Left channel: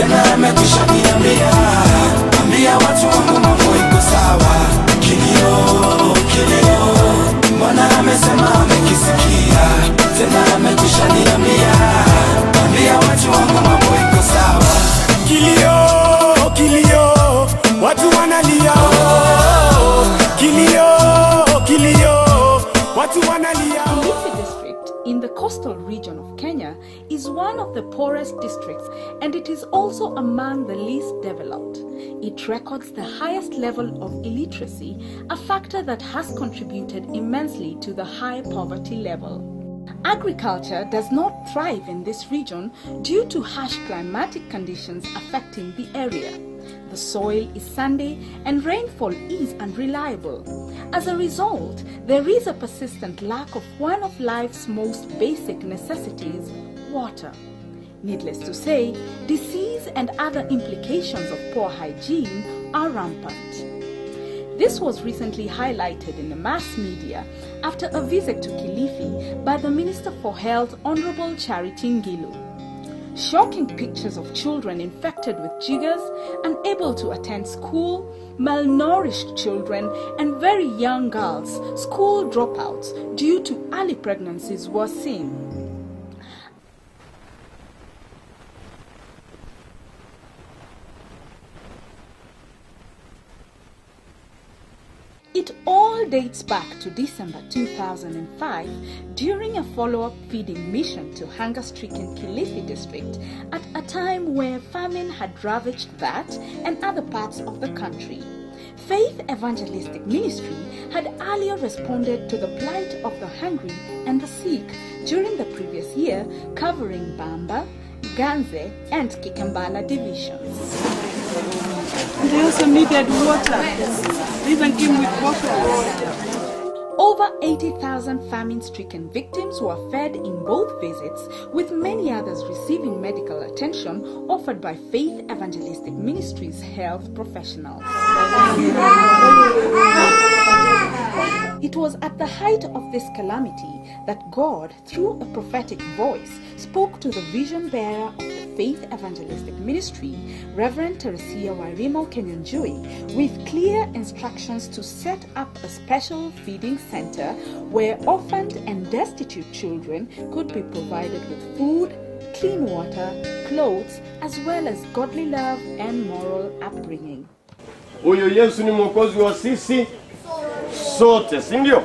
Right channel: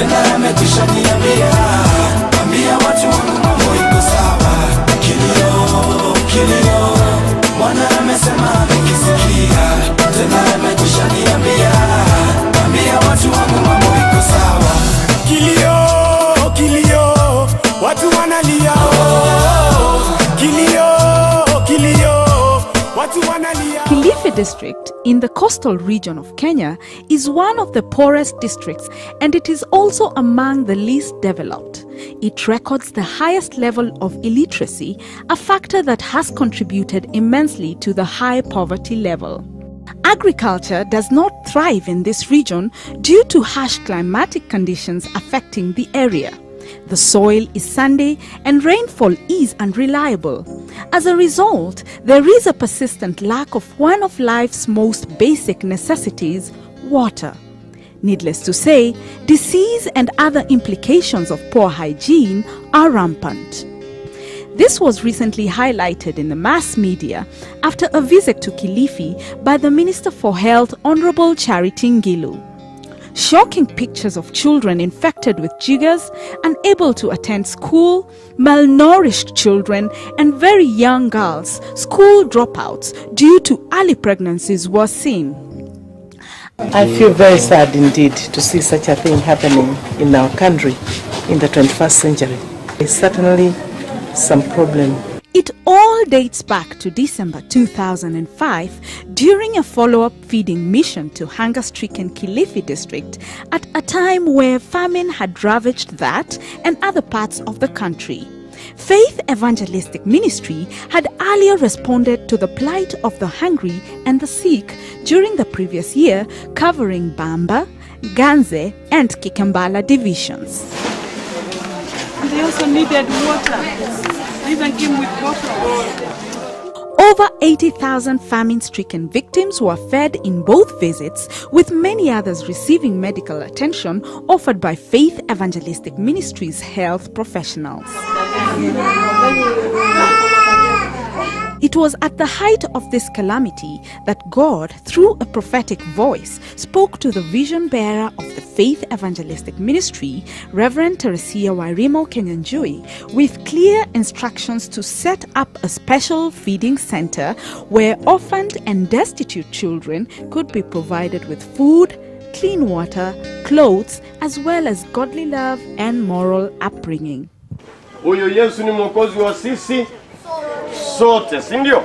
tena yamekwisha niambia. Ambia watu wangu mambo iko sawa. Kilio, kilio, Bwana amesema amekisikia. Tena yamekwisha niambia. Ambia watu wangu mambo iko sawa. Kilio, kilio, watu wanalia. Kilio, kilio, watu wanalia. Kilifi district in the coastal region of Kenya is one of the poorest districts, and it is also among the least developed. It records the highest level of illiteracy, a factor that has contributed immensely to the high poverty level. Agriculture does not thrive in this region due to harsh climatic conditions affecting the area. The soil is sandy and rainfall is unreliable. As a result, there is a persistent lack of one of life's most basic necessities, water. Needless to say, disease and other implications of poor hygiene are rampant. This was recently highlighted in the mass media after a visit to Kilifi by the Minister for Health, Honorable Charity Ngilu. Shocking pictures of children infected with jiggers, unable to attend school, malnourished children, and very young girls, school dropouts due to early pregnancies were seen. I feel very sad indeed to see such a thing happening in our country in the 21st century. It's certainly some problem. It all dates back to December 2005 during a follow-up feeding mission to hunger-stricken Kilifi district at a time where famine had ravaged that and other parts of the country. Faith Evangelistic Ministry had earlier responded to the plight of the hungry and the sick during the previous year, covering Bamba, Ganze and Kikambala divisions. They also needed water. Even came with water. Over 80,000 famine-stricken victims were fed in both visits, with many others receiving medical attention offered by Faith Evangelistic Ministry's health professionals. It was at the height of this calamity that God, through a prophetic voice, spoke to the vision bearer of the Faith Evangelistic Ministry, Reverend Teresia Wairimu Kenyanjui, with clear instructions to set up a special feeding center where orphaned and destitute children could be provided with food, clean water, clothes, as well as godly love and moral upbringing. Huyo Yesu ni mwokozi wa sisi sote, si ndio?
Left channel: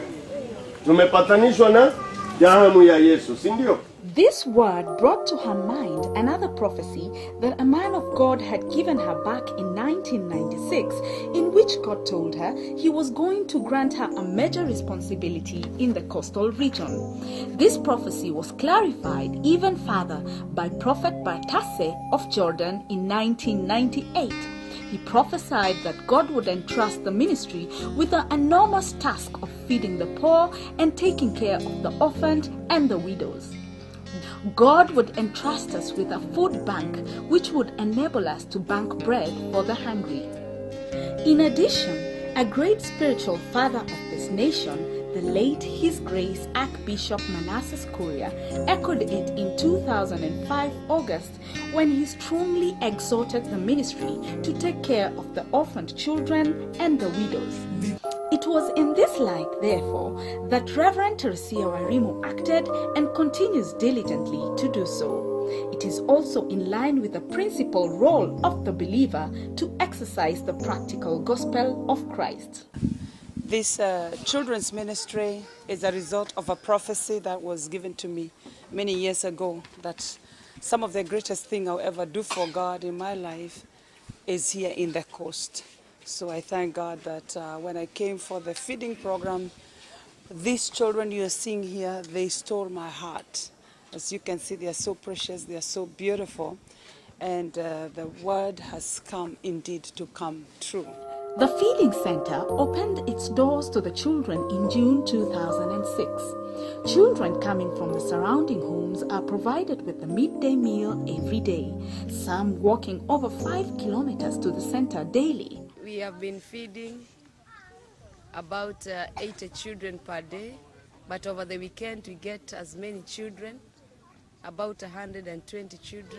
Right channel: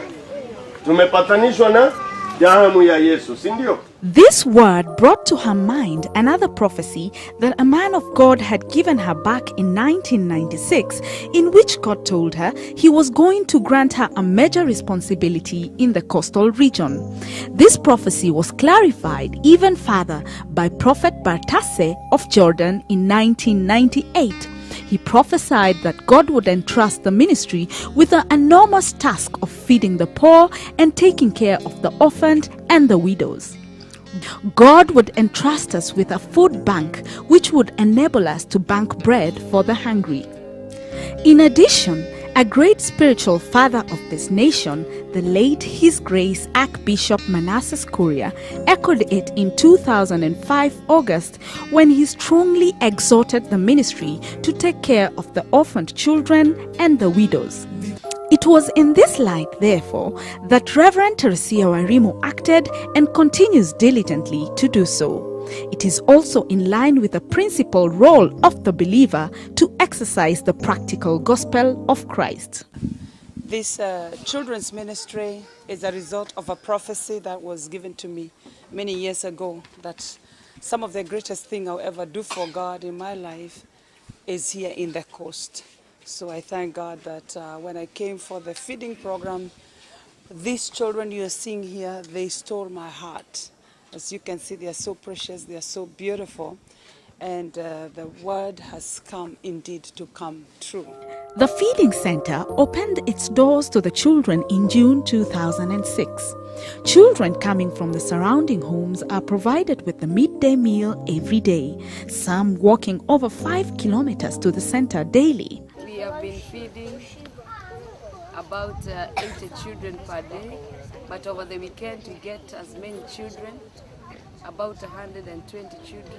Tumepatanishwa na damu ya Yesu, si ndio? This word brought to her mind another prophecy that a man of God had given her back in 1996, in which God told her he was going to grant her a major responsibility in the coastal region. This prophecy was clarified even further by Prophet Bartasse of Jordan in 1998. He prophesied that God would entrust the ministry with the enormous task of feeding the poor and taking care of the orphaned and the widows. God would entrust us with a food bank which would enable us to bank bread for the hungry. In addition, a great spiritual father of this nation, the late His Grace Archbishop Manasseh Kuria, echoed it in 2005 August when he strongly exhorted the ministry to take care of the orphaned children and the widows. It was in this light, therefore, that Reverend Teresia Wairimu acted and continues diligently to do so. It is also in line with the principal role of the believer to exercise the practical gospel of Christ. This children's ministry is a result of a prophecy that was given to me many years ago, that some of the greatest thing I'll ever do for God in my life is here in the coast. So I thank God that when I came for the feeding program, these children you are seeing here, they stole my heart. As you can see, they are so precious, they are so beautiful, and the word has come indeed to come true. The feeding center opened its doors to the children in June 2006. Children coming from the surrounding homes are provided with the midday meal every day, some walking over 5 kilometers to the center daily. We have been feeding about 80 children per day, but over the weekend we get as many children, about 120 children.